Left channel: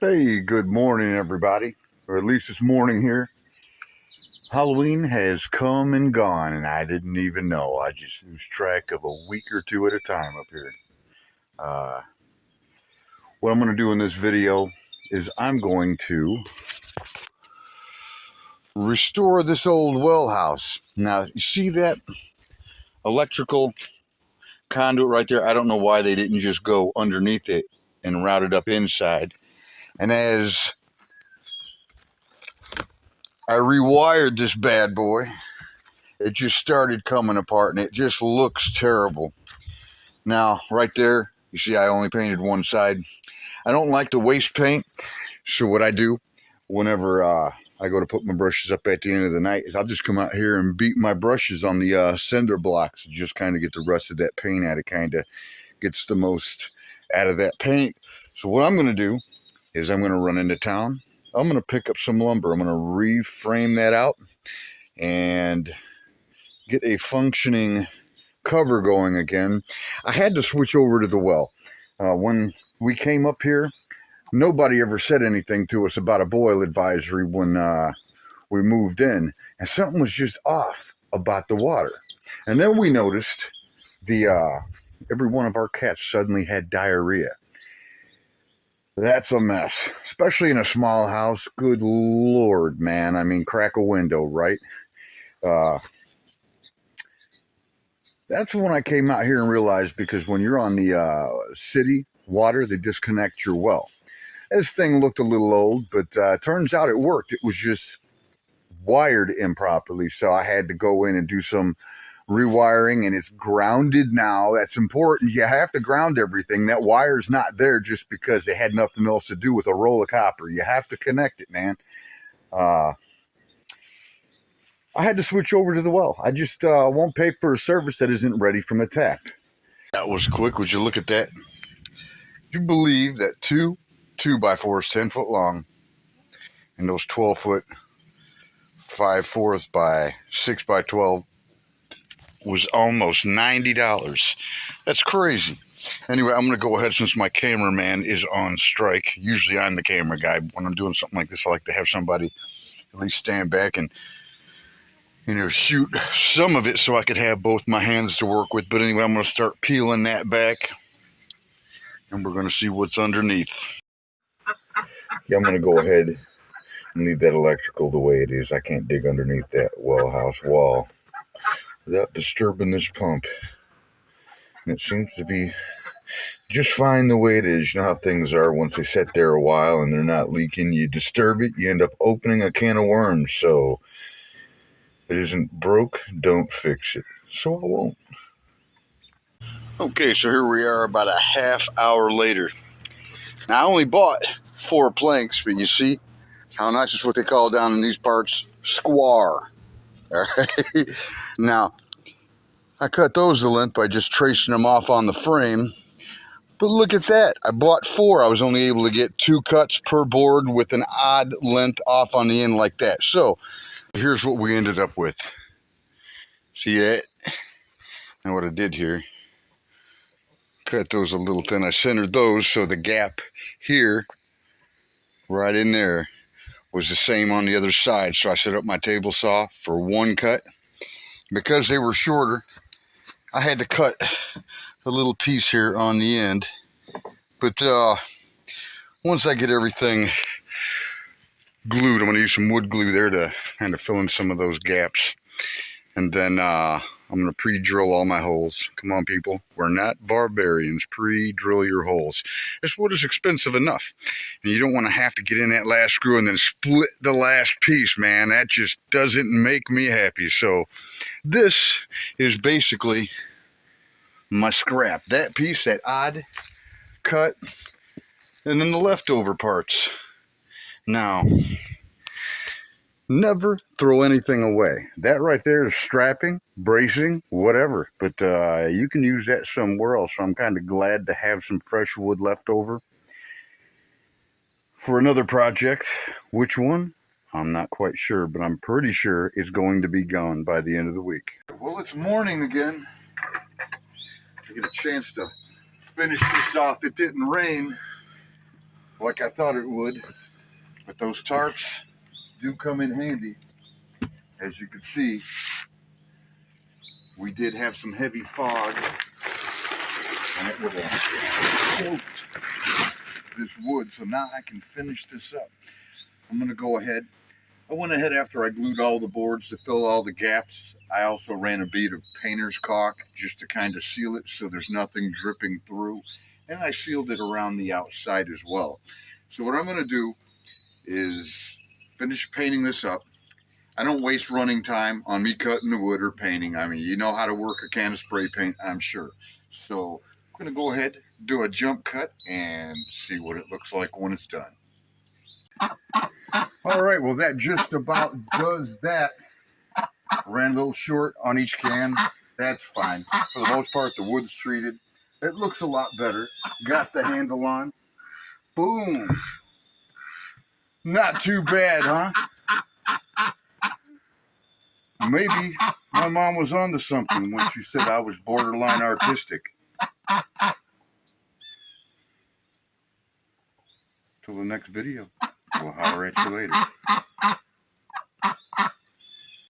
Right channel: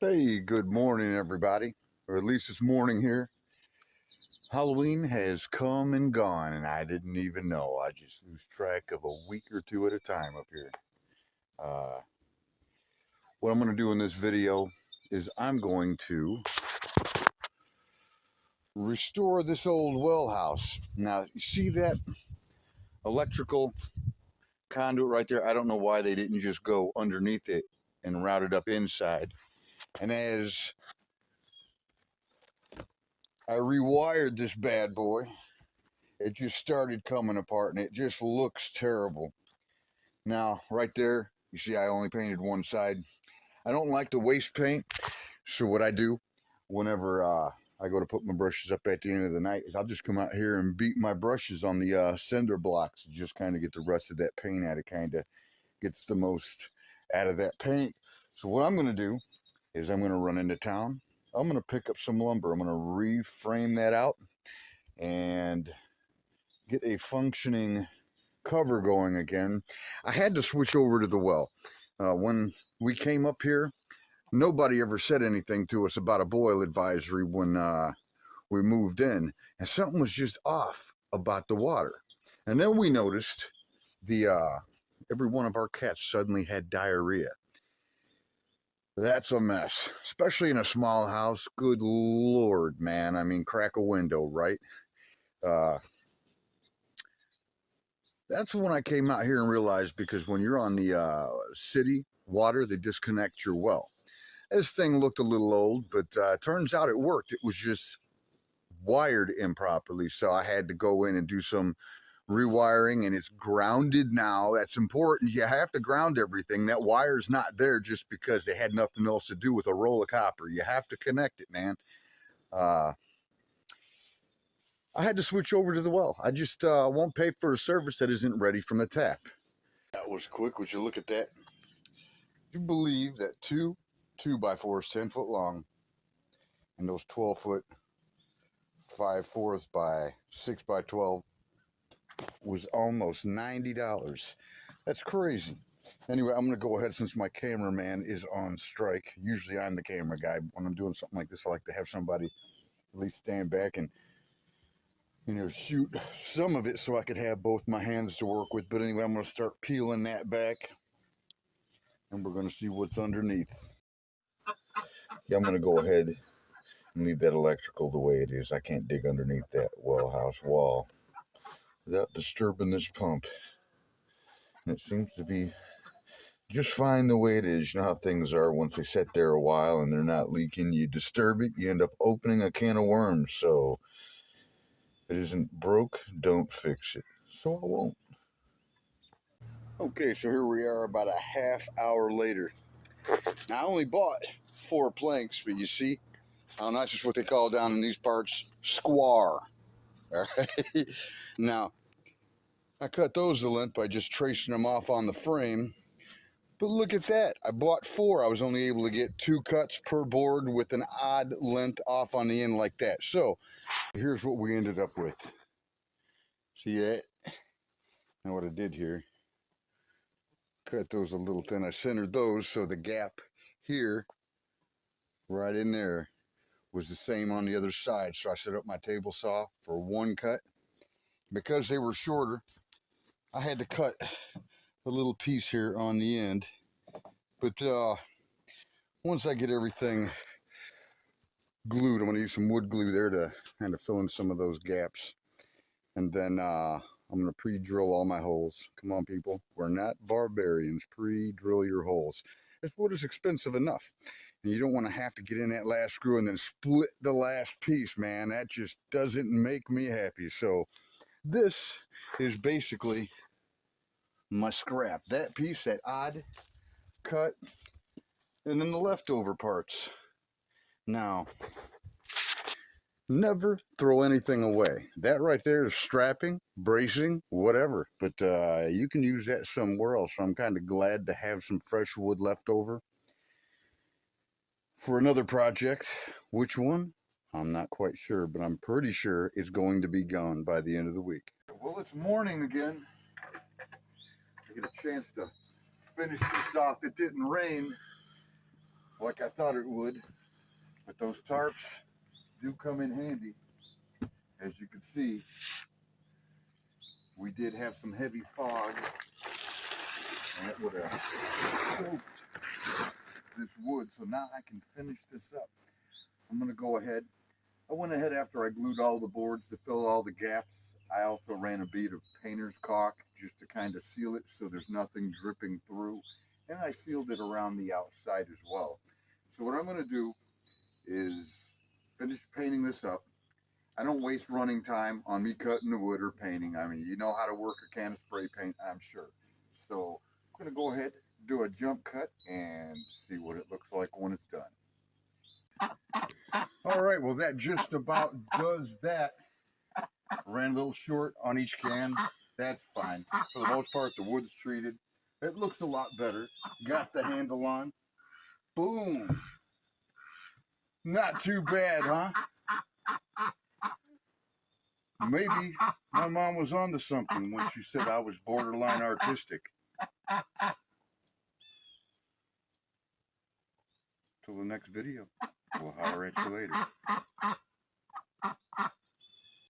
Hey, good morning, everybody. Or at least it's morning here. Halloween has come and gone, and I didn't even know. I just lose track of a week or two at a time up here. Uh, what I'm going to do in this video is I'm going to restore this old well house. Now, you see that electrical conduit right there? I don't know why they didn't just go underneath it and route it up inside. And as I rewired this bad boy, it just started coming apart, and it just looks terrible. Now, right there, you see I only painted one side. I don't like to waste paint, so what I do whenever I go to put my brushes up at the end of the night is I'll just come out here and beat my brushes on the cinder blocks, just kind of get the rest of that paint out. It kind of gets the most out of that paint. So what I'm going to do is I'm going to run into town. I'm going to pick up some lumber. I'm going to reframe that out and get a functioning cover going again. I had to switch over to the well. When we came up here, nobody ever said anything to us about a boil advisory when we moved in, and something was just off about the water. And then we noticed the every one of our cats suddenly had diarrhea. That's a mess, especially in a small house. Good Lord, man. I mean, crack a window, right? Uh, That's when I came out here and realized, because when you're on the city water, they disconnect your well. This thing looked a little old, but turns out it worked. It was just wired improperly, so I had to go in and do some rewiring, and it's grounded now. That's important. You have to ground everything. That wire's not there just because it had nothing else to do with a roll of copper. You have to connect it, man. Uh, I had to switch over to the well. I just won't pay for a service that isn't ready from the tap. That was quick. Would you look at that? You believe that two 2x4s 10 foot long and those 12 foot 5/4 by 6x12 was almost $90? That's crazy. Anyway, I'm gonna go ahead, since my cameraman is on strike. Usually I'm the camera guy. When I'm doing something like this, I like to have somebody at least stand back and shoot some of it so I could have both my hands to work with. But anyway, I'm gonna start peeling that back, and we're gonna see what's underneath. Yeah, I'm gonna go ahead and leave that electrical the way it is. I can't dig underneath that well house wall without disturbing this pump. And it seems to be just fine the way it is. You know how things are once they sit there a while and they're not leaking. You disturb it, you end up opening a can of worms. So if it isn't broke, don't fix it. So I won't. Okay, so here we are about a half hour later. Now, I only bought 4 planks, but you see how nice is what they call down in these parts square. All right. Now, I cut those to length by just tracing them off on the frame. But look at that. I bought 4. I was only able to get 2 cuts per board with an odd length off on the end like that. So here's what we ended up with. See that? And what I did here, cut those a little thin. I centered those so the gap here, right in there, was the same on the other side. So I set up my table saw for 1 cut. Because they were shorter, I had to cut a little piece here on the end. But once I get everything glued, I'm going to use some wood glue there to kind of fill in some of those gaps. And then I'm going to pre-drill all my holes. Come on, people. We're not barbarians. Pre-drill your holes. This wood is expensive enough. And you don't want to have to get in that last screw and then split the last piece, man. That just doesn't make me happy. So this is basically my scrap. That piece, that odd cut, and then the leftover parts. Now, never throw anything away. That right there is strapping, bracing, whatever. But you can use that somewhere else. So I'm kind of glad to have some fresh wood left over for another project. Which one? I'm not quite sure, but I'm pretty sure it's going to be gone by the end of the week. Well, it's morning again. I get a chance to finish this off. It didn't rain like I thought it would. But those tarps do come in handy. As you can see, we did have some heavy fog, and it would have soaked this wood. So now I can finish this up. I'm going to go ahead. I went ahead after I glued all the boards to fill all the gaps. I also ran a bead of painter's caulk just to kind of seal it so there's nothing dripping through. And I sealed it around the outside as well. So what I'm going to do is finish painting this up. I don't waste running time on me cutting the wood or painting. I mean, you know how to work a can of spray paint, I'm sure. So I'm going to go ahead, do a jump cut, and see what it looks like when it's done. All right, well, that just about does that. Ran a little short on each can. That's fine. For the most part, the wood's treated. It looks a lot better. Got the handle on. Boom. Not too bad, huh? Maybe my mom was onto something when she said I was borderline artistic. Till the next video. We'll holler at you later.